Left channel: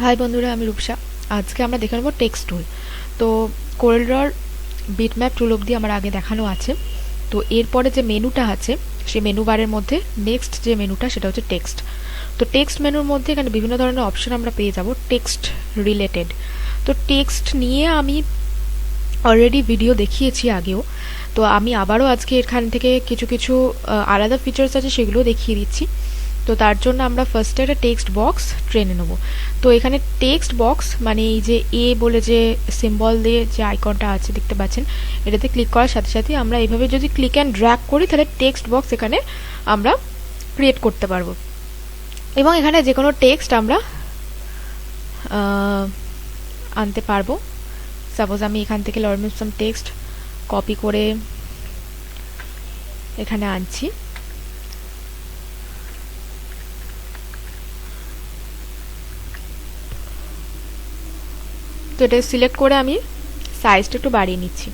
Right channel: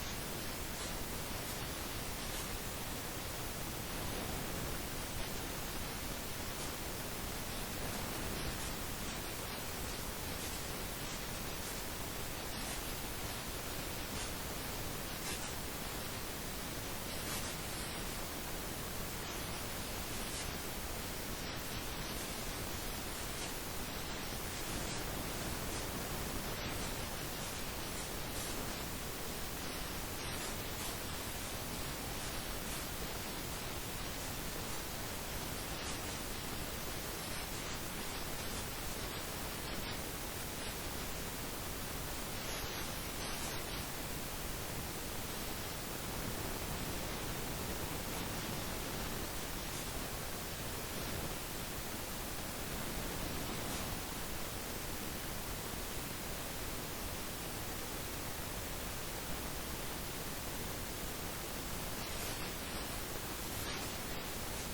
High বন্ধুরা, আমি রূপসা। আজকে আমরা দেখে নেব টেক্সট টুল। তো কোরেলড্রর বিটম্যাপ টুল অবধি আমার আগে দেখানো আছে। তো এরপরে যে মেনুটা আছে সেই মেনু বারের মধ্যে নেক্সট যে মেনুটা সেটা হচ্ছে টেক্সট। তো টেক্সট মেনুর মধ্যে এখানে বিভিন্ন ধরনের অপশন আমরা পেয়ে যাব টেক্সট রিলেটেড। তো টেক্সট নিয়ে আমি অলরেডি ভিডিও দেখিয়েছি আগেও। তো আমি আবারও আজকে এখান থেকে কিছু কিছু আলাদা ফিচার্স আছে সেগুলো দেখিয়ে দিচ্ছি। তো তার জন্য আমরা ফার্স্টে একটা টেক্সট বক্স ট্রেনে নেব। তো এখানে টেক্সট বক্স মানে এই যে এ বলে যে সিম্বল দিয়ে যে আইকনটা আছে দেখতে পাচ্ছেন, এটাতে ক্লিক করার সাথে সাথে আমরা এইভাবে যদি ক্লিক অ্যান্ড ড্র্যাগ করি তাহলে টেক্সট বক্স এখানে আমরা ক্রিয়েট করতে পারবো এবং এখানে যে কোনো টেক্সট আমরা আনতে পারবো। সাপোজ আমি এখান থেকে লর্ড সাম টেক্সট কপি করে এখানে আনছি। তো এটা সিলেক্ট করে আমি সাইজটা একটু বাড়িয়ে নিচ্ছি।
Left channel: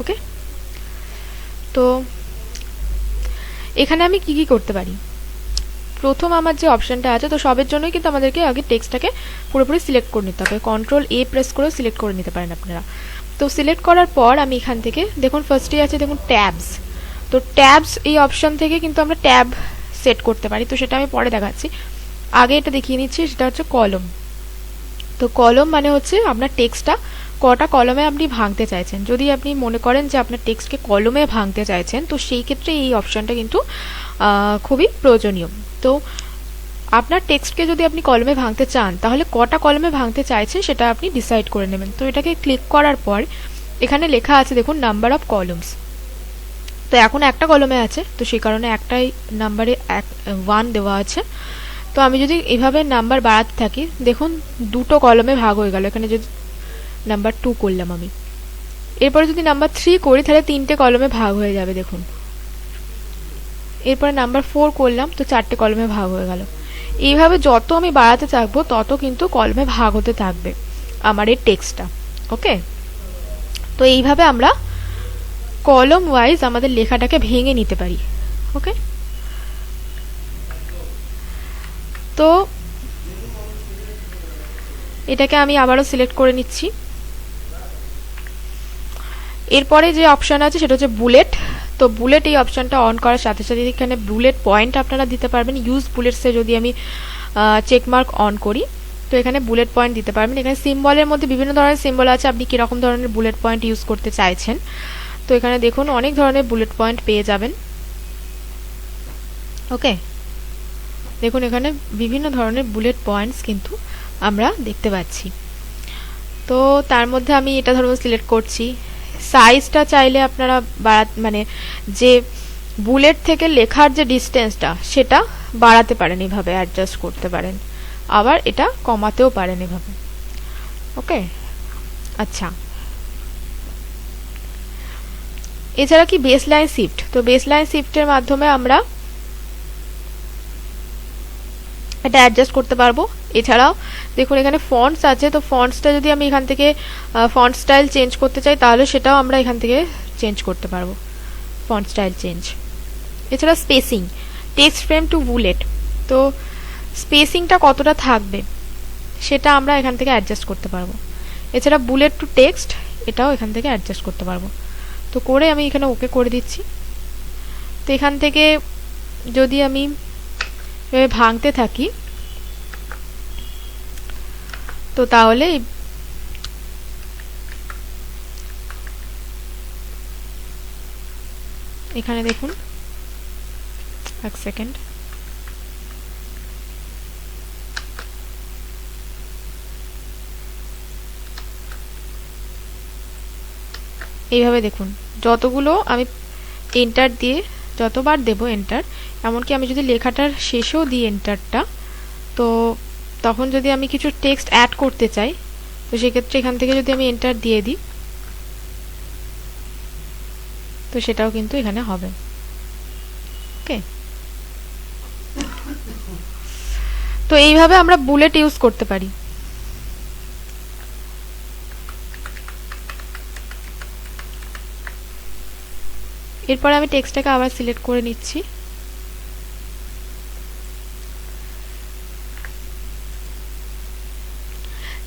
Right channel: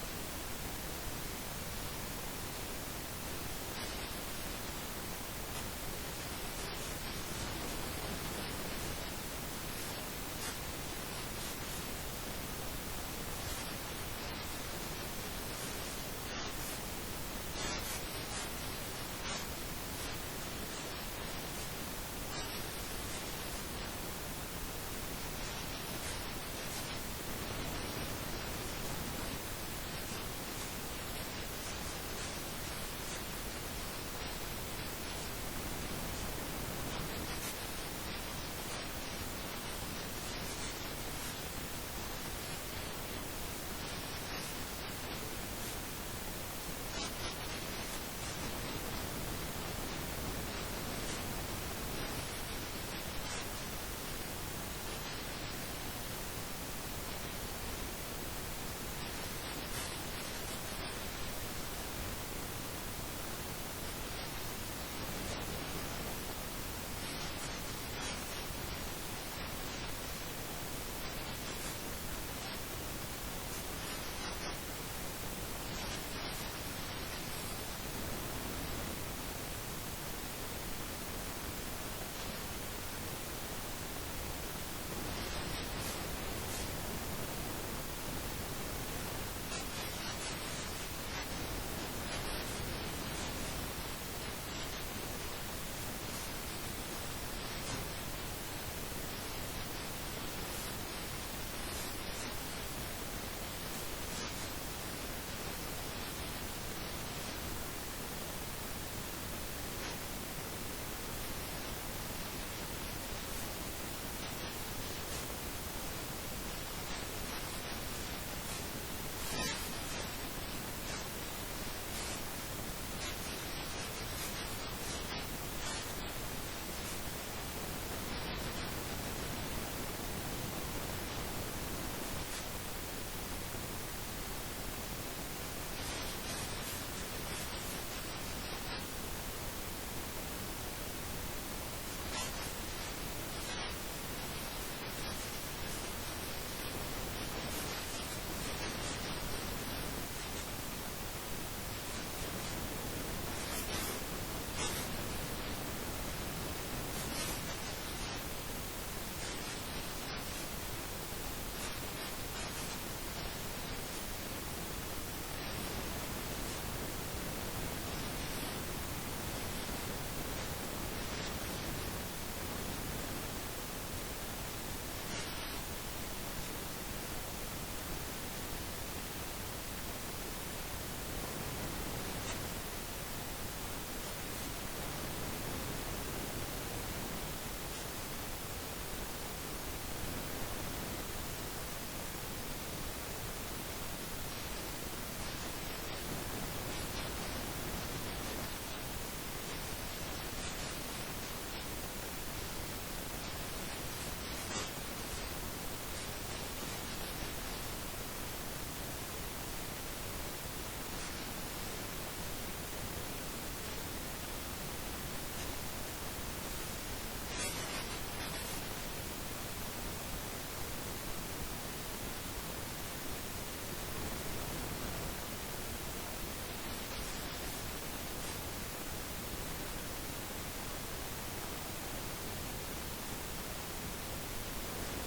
ওকে, তো এখানে আমি কি কি করতে পারি। প্রথম আমার যে অপশনটা আছে, তো সবের জন্যই কিন্তু আমাদেরকে আগে টেক্সটটাকে পুরোপুরি সিলেক্ট করে নিতে হবে। কন্ট্রোল এ প্রেস করে সিলেক্ট করে নিতে পারেন আপনারা। তো সিলেক্ট করার পর আমি এখান থেকে দেখুন ফার্স্টে আছে দেখুন ট্যাবস। তো ট্যাবস এই অপশন থেকে কিন্তু আমরা ট্যাব সেট করতে পারি। তো সেটা আমি পরে দেখাচ্ছি, আগে এটা দেখিয়ে নিচ্ছি। সেটা হচ্ছে কলম। তো কলম মানে হচ্ছে আপনার টেক্সটটা কটা কলমে আপনি ভাঙতে চাইছেন। যদি আপনি মনে করেন যে আপনার টেক্সটকে কলমে ভাঙতে চাইছেন, তো সেই ক্ষেত্রে এই অপশনটা কিন্তু খুবই প্রয়োজনীয়। তো আপনার টেক্সটকে যদি আপনি কলমে ভাঙতে চান তাহলে কটা কলমে ভাঙতে চাইছেন সেটা আপনি ডিসাইড করে নেবেন। তো এটাকে ক্লিক করার পর এখানে লেখা আছে দেখুন নাম্বার অফ কলমস। তো এখন একটা কলমে আছে, তো সেই কারণে একটাই নাম্বারে 1 দেওয়া আছে। তো আমি যদি এভাবে নাম্বার বাড়াতে থাকি, দেখুন দুটো কলমে ভাগ হয়ে গেল। এখানে যদি নাম্বার 2 করলাম আমি, এরপরে যদি নাম্বার 3 করি তাহলে 3টে কলমে ভাগ হয়ে যাবে দেখুন। এরপরে নাম্বার 4 করলাম, তো 4টে কলমে ভাগ হয়ে গেল। এইভাবে যত আমি বাড়াতে থাকবো তত কিন্তু কলমে ভাগ হতে থাকবে আমার এই টেক্সটটা। ওকে, তো এইভাবে আমরা কলম ওয়াইজ আমাদের লেখাটাকে ভেঙে নিতে পারি। ওকে, তো এটাকে আমি আবারও সিলেক্ট করে নিচ্ছি। এরপরে যে অপশন আছে সেটা হচ্ছে বুলেট। তো বুলেট এই অপশনটা অন করার সাথে সাথে এখানে বুলেট পয়েন্ট আপনারা দিতে পারবেন। ইউজ বুলেটসে যদি আমি চেকমার্ক অন করি তো এখানে বুলেট পয়েন্ট দিতে পারবেন। এখানে সিম্বলের মধ্যে বিভিন্ন ধরনের সিম্বল আছে, আপনি কিরকম ধরনের বুলেট পয়েন্ট ইউজ করতে চাইছেন। তো এখানে দেখুন অনেক ধরনের বুলেট পয়েন্ট পেয়ে যাবেন। ওকে, দেখুন এখানে বিভিন্ন ধরনের বুলেট পয়েন্টস কিন্তু আমরা দেখতে পাচ্ছি। তো তার মধ্যে আমি এটা ধরুন সিলেক্ট করছি। সাইজটা চাইলে আপনারা মানে যে বুলেট থেকে লেখার যে ডিস্টেন্সটা সেটা বাড়াতে পারেন, এইভাবে অ্যাডজাস্ট করতে পারেন, আবার এটা কমাতেও পারেন এভাবে। ওকে, আচ্ছা, এছাড়া কি বেস লাইন শিফট। তো বেস লাইন শিফটের মাধ্যমে আমরা এটা অ্যাডজাস্ট করতে পারবো। এছাড়াও দেখুন এখানে ফন্টস আছে। তো ফন্টসটা যদি আমি এখান থেকে ফন্ট স্টাইল চেঞ্জ করতে চাই তাহলে সেটাও আমরা এখান থেকে চেঞ্জ করতে পারবো, ফন্ট স্টাইল চেঞ্জ। এছাড়া spacing, text frame to bullet. তো স্পেসিংটা কতটা থাকবে সেটা আমরা এখান থেকে অ্যাডজাস্ট করতে পারবো। এছাড়া বুলেট টু টেক্সট, এটাও এখান থেকে অ্যাডজাস্ট করতে পারবো। তো করে আমি এখানে ওকে করে দিচ্ছি। তো এখান থেকে যদি আমি ভাঙতে থাকি তো তাহলে এখানে দেখুন, এক সেকেন্ড, এইভাবে দেখুন যতগুলো আমি এন্টার দিয়ে যতবার দেব এন্টার, এমনকি আমি যদি লেখাটার শেষেও দিই এন্টারটা, তো তখন যদি আমি কিছু টেক্সট অ্যাড করতে চাই তো সেক্ষেত্রে এখান থেকে যদি আমি এন্টার দিয়ে দিই তো সেটাও কিন্তু এখানে হবে। ওকে, তো এইভাবে আমরা বুলেট ইউজ করতে পারি। এরপর আমি টেক্সটটাকে আবার সিলেক্ট করে নিচ্ছি।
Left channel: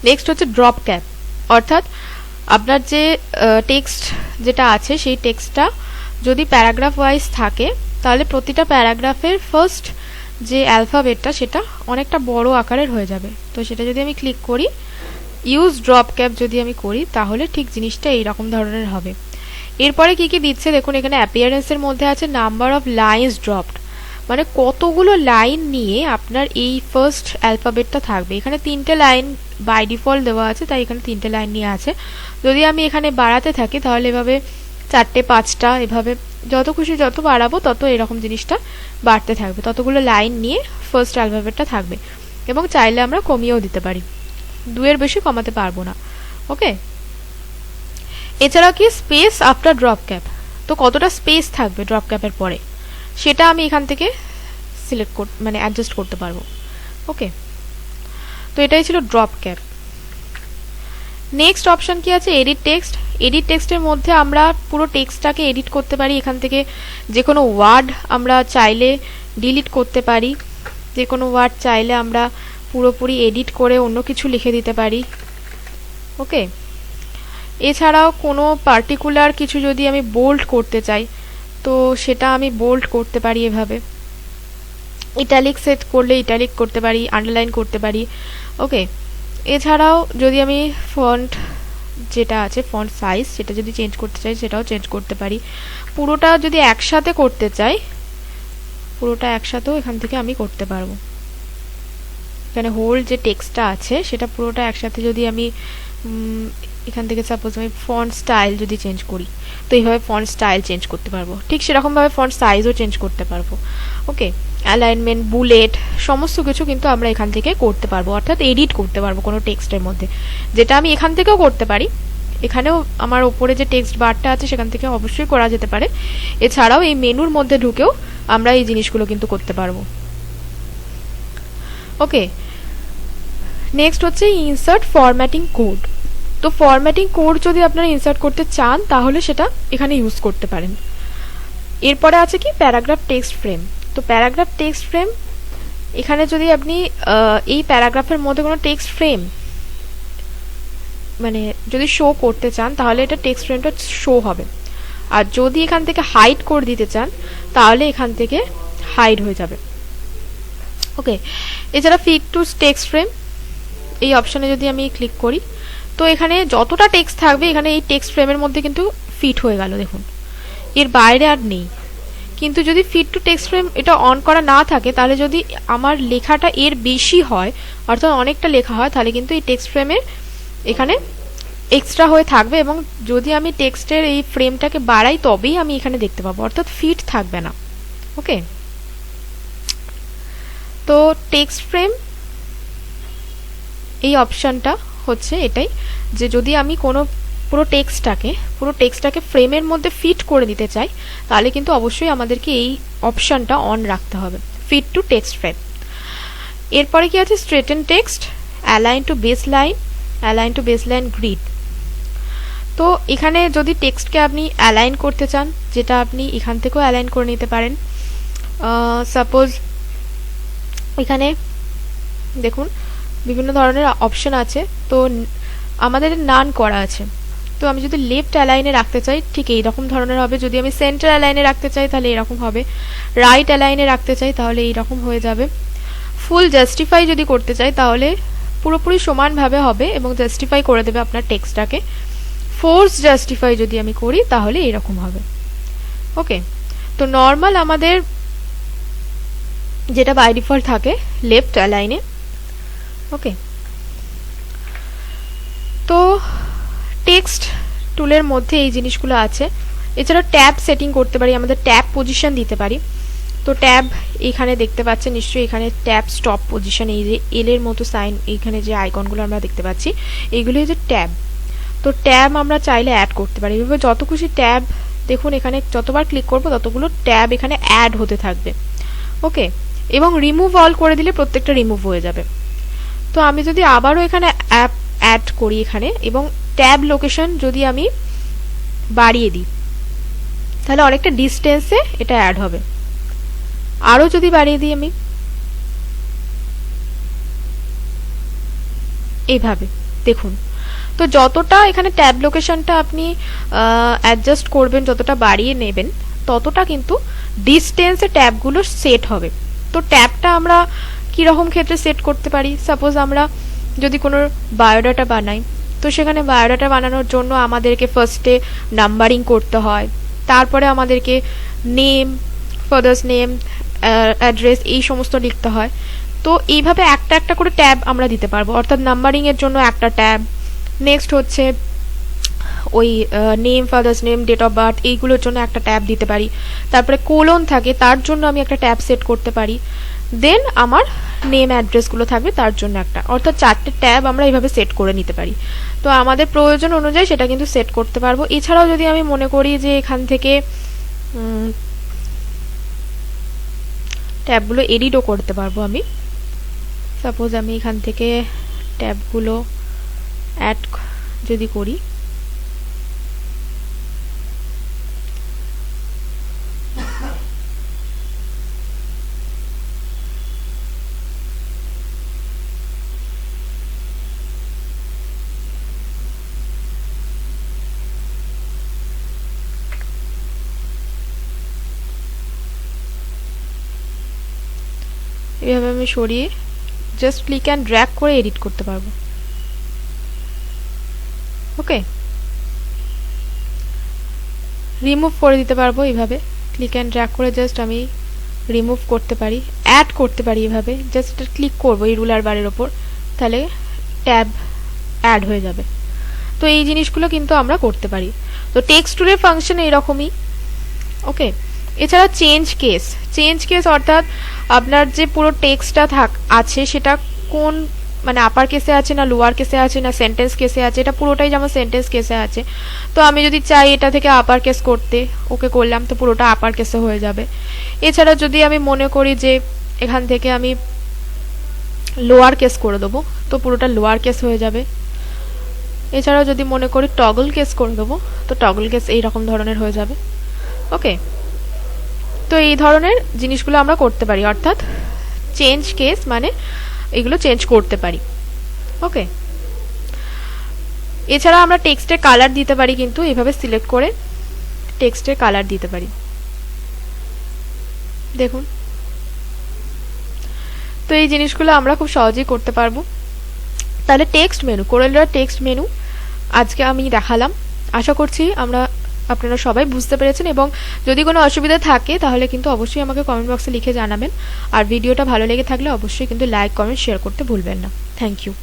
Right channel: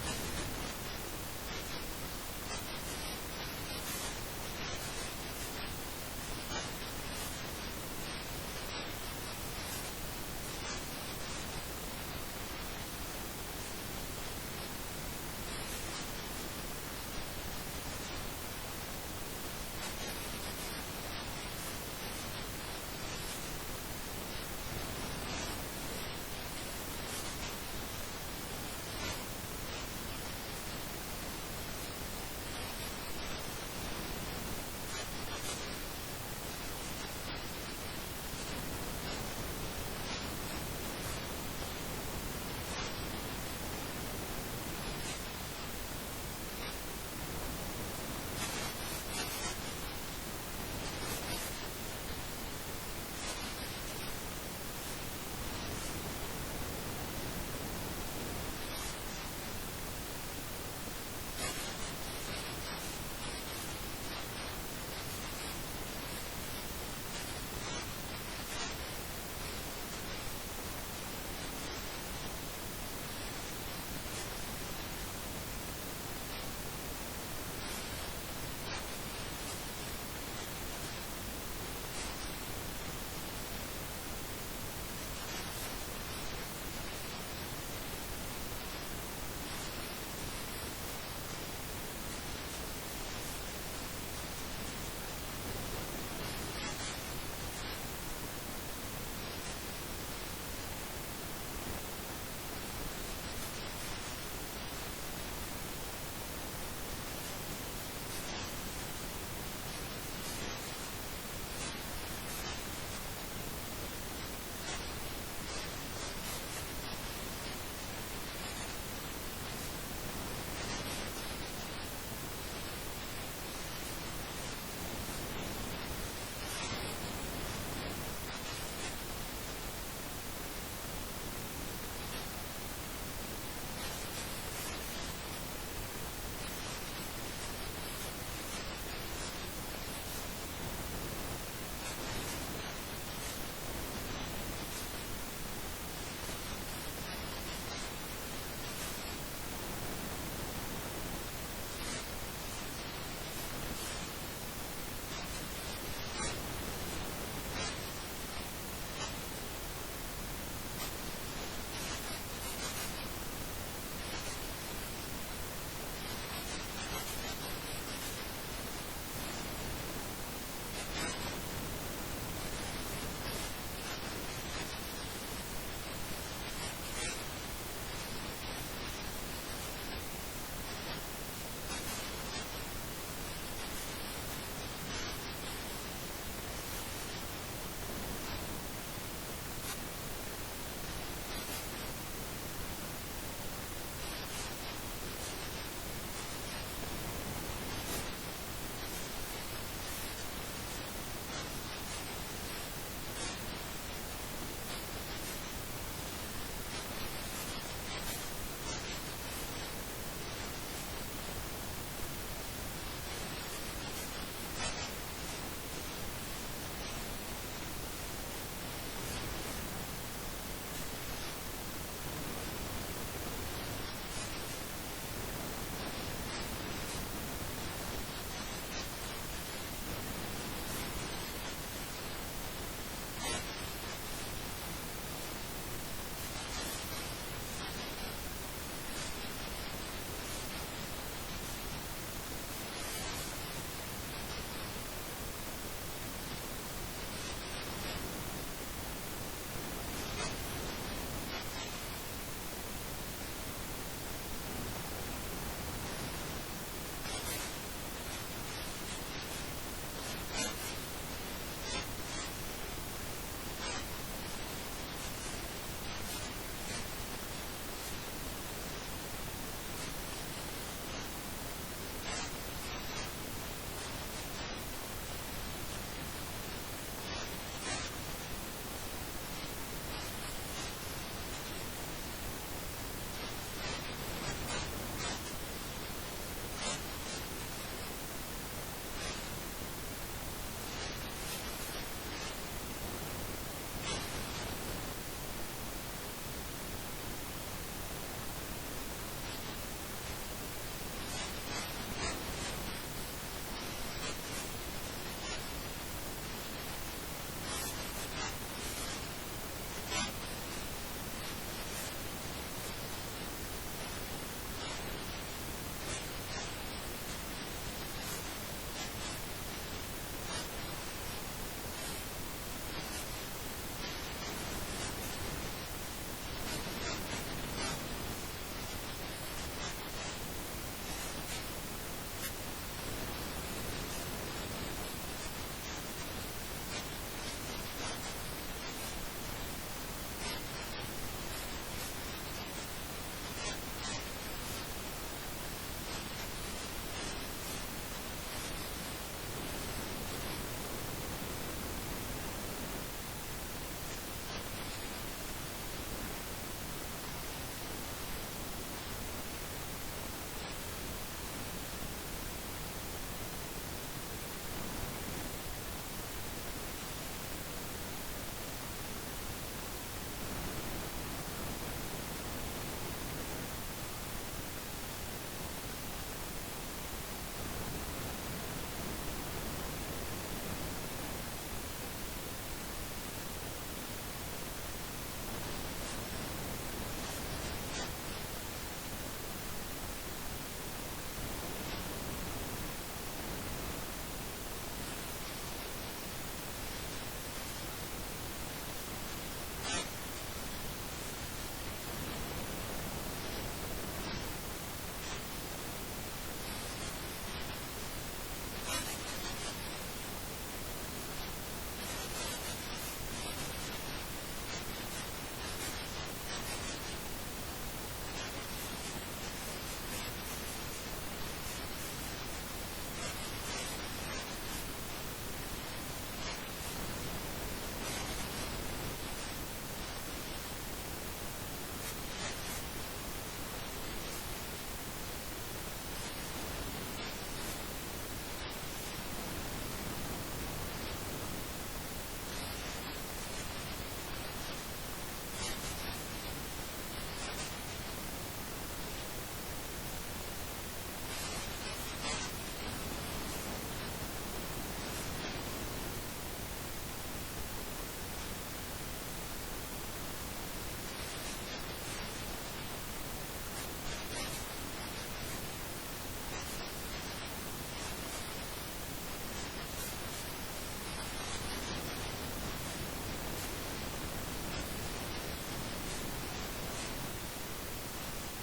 নেক্সট হচ্ছে ড্রপ ক্যাপ, অর্থাৎ আপনার যে টেক্সট যেটা আছে সেই টেক্সটটা যদি প্যারাগ্রাফ ওয়াইজ থাকে তাহলে প্রতিটা প্যারাগ্রাফের ফার্স্ট যে অ্যালফাবেটটা সেটা অনেকটা বড় আকারের হয়ে যাবে। তো সেটা যদি আমি ক্লিক করি, ইউজ ড্রপ ক্যাপ যদি আমি করি, তাহলে ঠিক জিনিসটা এইরকম ধরনের হবে। এরপরে কি কি দিচ্ছে দেখুন, এখানে অ্যাপিয়ারেন্সের মধ্যে আছে নাম্বার অফ লাইনস ড্রপড, মানে কতগুলো লাইন নিয়ে আপনার এই ফার্স্ট অ্যালফাবেটটা থাকবে। এখানে 3টে লাইন বাই ডিফল্ট দেওয়া আছে, তাই এখানে 3টে লাইন নিয়ে আছে। যদি আমি এখানে বাড়াতে থাকি তাহলে এভাবে 4টে 5টা, এভাবে যত খুশি যত বাড়াবো তত এরকম জিনিসটা বাড়তে থাকবে, ততগুলো লাইন নিয়ে ফার্স্ট অ্যালফাবেটটা থাকবে। এবং চাইলে আমরা কমিয়েও দিতে পারি, 2-এর বেশি কমাতে পারবো না। ওকে, এছাড়া কি স্পেস আফটার ড্রপ ক্যাপ, তো কতটা স্পেস থাকবে ড্রপ ক্যাপের পরে সেটা আমি এখান থেকে সিলেক্ট মানে অ্যাডজাস্ট করতে পারবো। ওকে, তো এটাই ছিল ড্রপ ক্যাপ। নেক্সট অপশন কি আছে, এডিট টেক্সট। এডিট টেক্সটের মধ্যে আমরা পুরো টেক্সটটাকে এডিট করতে পারি, এখান থেকে যে কোনো ওয়ার্ড আমরা চাইলে ডিলিট করতে পারি, যে কোনো ওয়ার্ড চাইলে আমরা পুরোপুরি এডিট করে অন্য কিছু লিখে দিতে পারি। ওকে, এছাড়াও কোনো পার্টিকুলার কিছু যদি আমি বোল্ড করতে চাই তো সেটা আমি বোল্ড করতে পারি এভাবে, ইটালিক সেট করলে ইটালিক করতে পারি, আন্ডারলাইন করতে পারি। ওকে, এছাড়াও যদি আমি ফন্ট যেটা আছে ফন্ট সাইজ সেটা যদি চেঞ্জ করতে চাই সেটাও চেঞ্জ করতে পারি। পুরোটা যদি একসাথে করতে চাই, পুরোটা একসাথেও এখান থেকে আমি করতে পারবো। এখানে হোল যে টেক্সটটা আছে সেটা পুরোটা একসাথে যদি আমি এখান থেকে সাপোজ আমি ফন্ট স্টাইল যদি চেঞ্জ করি তো এইভাবে ফন্ট স্টাইল চেঞ্জ করতে পারবো, ঠিক সেরকমভাবে ফন্ট সাইজও চেঞ্জ করতে পারবো। ওকে, অ্যালাইনমেন্ট, বুলেট, সমস্ত কিছু কিন্তু আমরা এখান থেকে করতে পারবো, অর্থাৎ এডিট করতে পারবো কোনো টেক্সটের মধ্যে, যেটা আমি এখান থেকেও করতে পারি। এখানেও আমার ওপরে যে টেক্সট বারটা আছে সেখান থেকে অবশ্যই করা যেতে পারে। এছাড়াও এই মেনুর মধ্যে ঢুকেও আমরা এই জিনিসগুলো কিন্তু করতে পারবো। ওকে, নেক্সট হচ্ছে ইনসার্ট ফরম্যাটিং কোড। তো ফরম্যাটিং কোড যদি আপনারা ইনসার্ট করতে চান তাহলে সেটা এখানে ইউজ করতে পারেন। এরপরে আছে কি প্যারাগ্রাফ টেক্সট ফ্রেম। তো প্যারাগ্রাফ টেক্সট ফ্রেম, এখানে যদি আপনি এই প্যারাগ্রাফের মধ্যে কোনো টেক্সট ফ্রেম মানে যদি শো করতে চান তাহলে এটা টেক্সট ফ্রেমটা শো হবে, আর যদি এখান থেকে হাইড করে দিতে চান তাহলে এখান থেকে হাইড হয়ে যাবে। ওকে, এছাড়া ফিট টু টেক্সট ফ্রেম, এই অপশনে যদি আমি ক্লিক করি তো এখানে যতটা টেক্সট থাকবে এখানে এই টেক্সট ফ্রেমের মধ্যে কিন্তু ফিট হয়ে গেল, দেখুন এর বাইরে আর নেই। কিন্তু যদি ফিট টু টেক্সট ফ্রেম এটা অন করা না থাকে তাহলে যদি আমার লেখাটা এর বেশি হয়, অর্থাৎ অনেকটা লেখা হয়, তাহলে কিন্তু এই টেক্সট ফ্রেমের এখানে এক্সট্রা হয়ে থাকবে, এবং যদি আমি টেক্সটের এই ফ্রেমটাকে বাড়াই তবেই আমি এখানে দেখতে পাবো, অর্থাৎ ফিট থাকবে না। ওকে, তো টেক্সট ফ্রেম এই অপশনটা হচ্ছে এটাই, যে যদি আমি কোনো পুরো টেক্সটটাকে ফ্রেমের মধ্যে ফিট করে দিতে চাই তাহলে কিন্তু অবশ্যই আমাদেরকে এই অপশনটা অন রাখতে হবে, ফিট টু টেক্সট ফ্রেম। এরপরে কি আছে, straighten text, align to baseline grid. তো এখানে যদি টেক্সটকে আপনি অ্যালাইন করতে চান, যেটা আপনি এখান থেকেও অ্যালাইন করে নিতে পারেন। সাপোজ এখানে দেখুন বিভিন্ন ধরনের অপশন আছে, তো আমাদের নান করা আছে। তো আমি যদি লেফট অ্যালাইনে রাখতে চাই ঠিক এই রকম ধরনের হবে, যদি আমি সেন্টার অ্যালাইনে রাখতে চাই তাহলে এরকম হবে, রাইট অ্যালাইনে রাখতে চাই তাহলে এইরকম হয়ে যাবে। ফুল জাস্টিফাই যদি করতে চাই তাহলে পুরোপুরি সমানভাবে হবে এবং জাস্টিফাই করে দেবে আপনার টেক্সটটাকে। ফোর্স জাস্টিফাই যদি আমি করি তাহলে এরকম হবে। ওকে, তো নর্মাল আমাদের যেটা বাই ডিফল্ট থাকে লেফট অ্যালাইনে। ওকে, তো টেক্সট টুলের মধ্যে এই জিনিসগুলো আছে। এছাড়া ট্যাব সেটিং করতে পারি, আমাদের ট্যাব পজিশন দিতে পারি। তো ট্যাব এখানে দেখতে পাচ্ছেন নিশ্চয়ই, এখানে ট্যাব স্টপ পজিশন, এই যে এল এর মতো সাইন, এখানে যে আইকনগুলো আমরা দেখতে পাচ্ছি এইগুলো হচ্ছে ট্যাব। তো ট্যাব আমরা চাইলে অ্যাড করতে পারি, এভাবে যত খুশি ট্যাব, দেখুন এখানে যতবার ক্লিক করবো ততগুলো ট্যাব এখানে অ্যাড হতে থাকবে। ওকে, এবং রিমুভ অল করে দিলে প্রত্যেকটা রিমুভ হয়ে যাবে। তো আমি যদি আবারও এখানে অ্যাড করি এখানে, এবং ট্যাব লোকেশন যদি আমি বাড়িয়ে দিই তাহলে অনেকটা ডিস্টেন্সে এটা অ্যাড হবে। আরও যদি বাড়িয়ে দিই আমি এইভাবে, দেখুন, তো যতটা এখানে ট্যাব লোকেশনটা আপনি অ্যাডজাস্ট করবেন, যতটা বাড়িয়ে নেবেন, ততটা কিন্তু ডিস্টেন্সে ট্যাবগুলো সেট হবে। তো ট্যাবটা আমরা কীরকম ক্ষেত্রে সেট করতে পারি? সাপোজ আমরা যদি কোনো বায়োডাটা বানাই, তো সেখানে বায়োডাটা বানানোর জন্য আমাদেরকে ফার্স্টে নাম্বারিং করতে হয়, তারপরে আমাদেরকে নেম, ফাদার্স নেম, অ্যাড্রেস, এই সমস্ত লিখতে হয়। তো এইভাবে একটা একটা করে ট্যাব আমরা দিতে পারবো, অর্থাৎ নাম্বারিংয়ের জন্য একটা ট্যাব, নেক্সট হচ্ছে ওই name, father's name, date of birth, এইগুলোর জন্য একটা ট্যাব দিতে পারি। তারপরে কোলন থাকে, তার জন্য আমি একটা ট্যাব সেট করতে পারি। দেন আমার নেম অ্যাড্রেসগুলো থাকবে, তার জন্য একটা, অর্থাৎ 4টে ট্যাব আমরা এইভাবে সেট করে নিতে পারি। তো আমাদের প্রয়োজন অনুযায়ী সেটা কিন্তু সেট করতে পারবো। এছাড়াও যদি আমি মনে করি যে এখান থেকে ট্যাবগুলো এডিটও করতে পারবো আমি। সাপোজ আমি এখান থেকে ট্যাবগুলো অ্যাড যদি করি, এভাবে আমি সরিয়ে জাস্ট ক্লিক অ্যান্ড ড্র্যাগ করে এডিট করতে পারবো। ওকে, রিমুভ করে দিতে পারবো এইভাবে, ক্লিক অ্যান্ড ড্র্যাগ করে জাস্ট আমি রিমুভ করতে পারি, অ্যাড করতে পারি। এভাবে জাস্ট ক্লিক করবো এই রুলার বারের ওপর, তাহলে ট্যাব অ্যাড হয়ে যাবে। তো এই জিনিসগুলো কিন্তু আমরা করতে পারি। তো টেক্সট টুলের ফাংশন এইরকমই। ওকে, এছাড়া চেঞ্জ কেস অর্থাৎ আপনার যে পুরো টেক্সটটা আছে সেটা কোন, মানে আপার কেসে আছে না লোয়ার কেসে আছে না সেন্টেন্স কেসে আছে, এটা পুরোটাই যেমন সেন্টেন্স কেসে আছে। তো আমি যদি চাই এটা থেকে আপার কেস করতে, ওকে করলাম, তো পুরোটা আপার কেসে হয়ে যাবে। এছাড়া যদি আমি মনে করি যে এখান থেকে আমি লোয়ার কেস করে দেবো, তো পুরোটা লোয়ার কেস হয়ে যাবে। এছাড়াও যদি মনে করি টগল কেস করে দেবো, তো টগল কেস এইরকম ধরনের হয়ে যাবে। ওকে, তো এই ধরনের জিনিসগুলো আমরা করতে পারি, অর্থাৎ চেঞ্জ কেস মানে এগুলো চেঞ্জ করতে পারি। ওকে, এছাড়া আমরা টেক্সটের কালার দিতে পারি, কিন্তু এভাবে সিলেক্ট করে টেক্সটের কালার দিতে পারি। দেখুন, তো এই জিনিসগুলো আমরা খুব সহজেই করতে পারবো। তাহলে টেক্সট মেনু, কোরেলড্র টেক্সট মেনু আজকে আমি দেখালাম। আশা করছি আপনারা সবাই বুঝতে পেরেছেন, এবং যদি কোনো অসুবিধা থাকে তাহলে কিন্তু অবশ্যই আমাকে কমেন্ট বক্সে লিখে জানাবেন। আর ভিডিওটা ভালো লেগে থাকলে অবশ্যই কিন্তু লাইক, কমেন্ট, শেয়ার করতে ভুলবেন না। Thank you.